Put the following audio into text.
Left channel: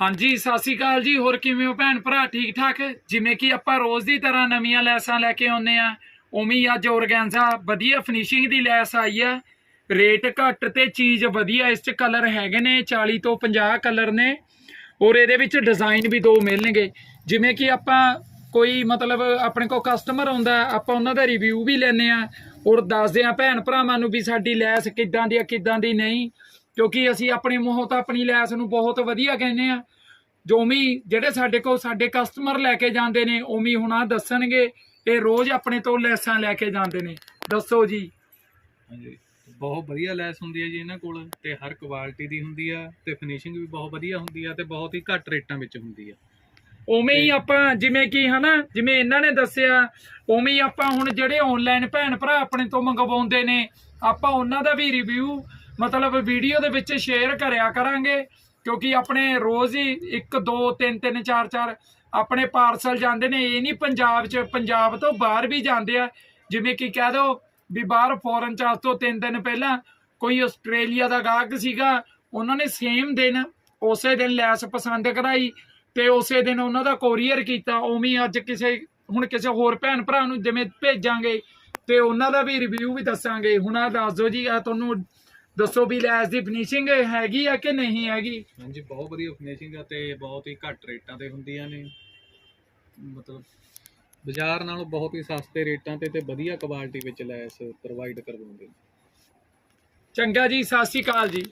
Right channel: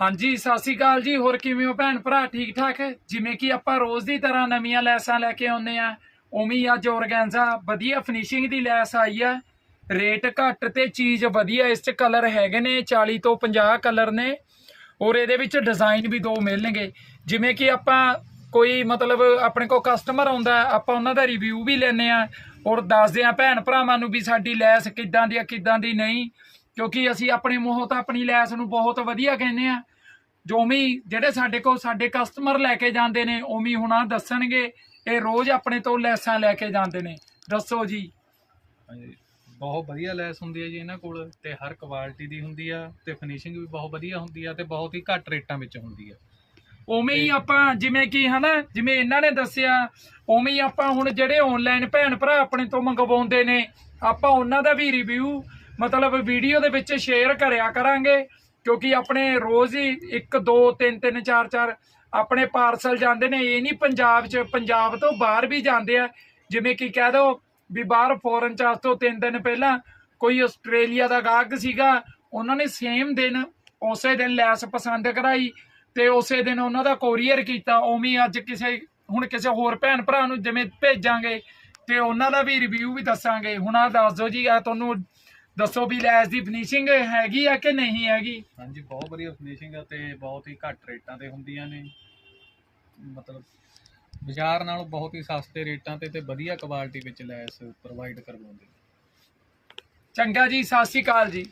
ਹਾਂਜੀ, ਸਤਿ ਸ਼੍ਰੀ ਅਕਾਲ ਜੀ। ਹੋਰ ਕਿਵੇਂ ਹੋ ਭੈਣ ਭਰਾ? ਠੀਕ ਠਾਕ? ਜਿਵੇਂ ਕਿ ਆਪਾਂ ਰੋਜ਼ ਦੀ ਤਰ੍ਹਾਂ ਨਵੀਆਂ ਲੈਸਾਂ ਲੈ ਕੇ ਆਉਂਦੇ ਆ ਉਵੇਂ ਹੀ ਅੱਜ ਔਰਗੈਂਜ਼ਾ ਵਧੀਆ ਫਿਨਿਸ਼ਿੰਗ ਦੀ ਲੈਸ ਆਈ ਆ ਰੇਟ ਘੱਟ ਤੇ ਚੀਜ਼ ਵਧੀਆ, ਇਸ 'ਚ ਕਲਰ ਹੈਗੇ ਨੇ 40 ਤੋਂ 50 ਕਲਰ ਨੇ। ਔਰ ਇਹਦੇ ਵਿੱਚ ਡਿਜ਼ਾਈਨ ਵੀ ਦੋ ਮਿਲਣਗੇ। ਜਿਵੇਂ ਕਿ ਆਪਾਂ ਕੋਈ ਮਤਲਬ ਆਪਣੇ ਕੋਲ ਕਸਟਮਰ ਆਉਂਦਾ ਆਪਾਂ ਉਹਨਾਂ ਦਾ ਰਿਵਿਊ ਵੀ ਲੈਨੇ ਆ ਔਰ ਦੱਸਦੇ ਆ ਭੈਣ ਭਰਾਵਾਂ ਨੂੰ ਵੀ ਸਾਡੀ ਲੈਸ ਕਿੱਦਾਂ ਦੀ ਆ, ਕਿੱਦਾਂ ਦੀ ਨਹੀਂ। ਕਿਉਂਕਿ ਅਸੀਂ ਆਪਣੇ ਮੂੰਹੋਂ ਤਾਂ ਆਪਣੀ ਲੈਸ ਨੂੰ ਬਹੁਤ ਵਧੀਆ ਕਹਿੰਦੇ ਆ। ਜੋ ਵੀ ਜਿਹੜੇ ਸਾਡੇ ਕੋਲ ਸਾਡੇ ਕਸਟਮਰ ਲੈ ਕੇ ਜਾਂਦੇ ਨੇ ਉਵੇਂ ਹੁਣਾ ਦੱਸਣਗੇ ਇਹ ਰੋਜ਼ ਆਪਣੇ ਤੋਂ ਲੈਸਾਂ ਲੈ ਕੇ ਜਾਂਦੇ ਨੇ। ਦੱਸੋ ਜੀ। ਹਾਂਜੀ ਬਹੁਤ ਵਧੀਆ ਲੈਸ ਹੁੰਦੀ ਹੈ ਜੀ ਇਹਨਾਂ ਕੋਲ ਤੇ ਹਰ ਕੁਆਲਿਟੀ ਦੀ ਹੁੰਦੀ ਆ ਤੇ ਫਿਨਿਸ਼ਿੰਗ ਵੀ ਬਹੁਤ ਵਧੀਆ ਹੁੰਦੀ ਆ ਤੇ ਬਹੁਤ ਹੀ ਘੱਟ ਰੇਟਾਂ ਵਿੱਚ ਹੁੰਦੀ ਆ। ਉਵੇਂ ਹੀ ਆਪਾਂ ਜਿਵੇਂ ਕਿ ਹਨਾ ਜਿਵੇਂ ਇਹਨਾਂ ਨੇ ਦੱਸਿਆ ਉਵੇਂ ਹੀ ਆਪਾਂ ਹੁਣ ਜਿਹੜੇ ਆਨਲਾਈਨ ਭੈਣ ਭਰਾ ਆਪਣੇ ਤੋਂ ਮੰਗਵਾਉਂਦੇ ਨੇ ਆਪਾਂ ਉਹਨਾਂ ਦਾ ਵੀ ਰਿਵਿਊ ਮਤਲਬ ਵੀਡੀਓ ਦੇ ਵਿੱਚ ਸ਼ੇਅਰ ਕਰਿਆ ਕਰਾਂਗੇ, ਕਿਉਂਕਿ ਆਪਣੇ ਰੋਜ਼ ਹੀ 1 2 3 3 4 4 ਆਪਣੇ ਪਾਰਸਲ ਜਾਂਦੇ ਨੇ, ਇਹ ਨਹੀਂ ਪੰਜਾਬ 'ਚ, ਪੰਜਾਬ ਤੋਂ ਬਾਹਰ ਵੀ ਜਾਂਦੇ ਆ। ਜਿਵੇਂ ਕਿ ਕਹਿ ਦੋ ਵੀ ਬਾਹਰ ਫੋਰਨ 'ਚ, ਅੱਜ ਤੋਂ 3 ਦਿਨ ਪਹਿਲਾਂ ਕੋਈ ਆਸਟ੍ਰੇਲੀਆ ਦਾ ਗਾਹਕ ਸੀਗਾ, ਉਹਨਾਂ ਨੇ ਸੇਮ ਦਿਨ ਉਸੇ ਦਿਨ ਲੈਸ ਪਸੰਦ ਕਰਾਈ ਤੇ ਉਸੇ ਦਿਨ ਉਹਨਾਂ ਦਾ ਕੋਰੀਅਰ ਕੀਤਾ। ਉਵੇਂ ਅੱਜ ਕਿਸੇ, ਹੁਣ ਕਿਸੇ ਹੋਰ ਭੈਣ ਭਰਾ ਨੂੰ ਜਿਵੇਂ ਭੇਜਾਂਗੇ ਤੇ ਉਹਨਾਂ ਦਾ ਵੀ ਰਿਵਿਊ ਵੀ ਦੱਸਾਂਗੇ। ਹੁਣ ਆ ਦੱਸ ਦਿਓ ਜੀ, ਇਹ ਤੁਹਾਨੂੰ ਦੱਸੋ ਵੀ ਲੈਸ ਦੀ ਫਿਨਿਸ਼ਿੰਗ ਹੈਗੀ ਆ ਕਿ ਨਹੀਂ ਹੈਗੀ? ਹਾਂਜੀ ਬਹੁਤ ਵਧੀਆ ਫਿਨਿਸ਼ਿੰਗ ਆ ਤੇ ਬਹੁਤ ਹੀ ਘੱਟ ਰੇਟਾਂ ਤੇ ਹੁੰਦੀਆਂ ਨੇ। ਮਤਲਬ ਬਾਜ਼ਾਰ ਨਾਲੋਂ ਬਹੁਤ ਹੀ ਸਸਤੇ ਰੇਟਾਂ ਤੇ ਤੇ ਵਧੀਆ ਕੁਆਲਿਟੀ ਵਿੱਚ ਲੈਸ ਪ੍ਰੋਵਾਈਡ ਕਰਵਾਉਂਦੇ ਨੇ। ਚੰਗਾ ਜੀ ਸਤਿ ਸ਼੍ਰੀ ਅਕਾਲ ਜੀ।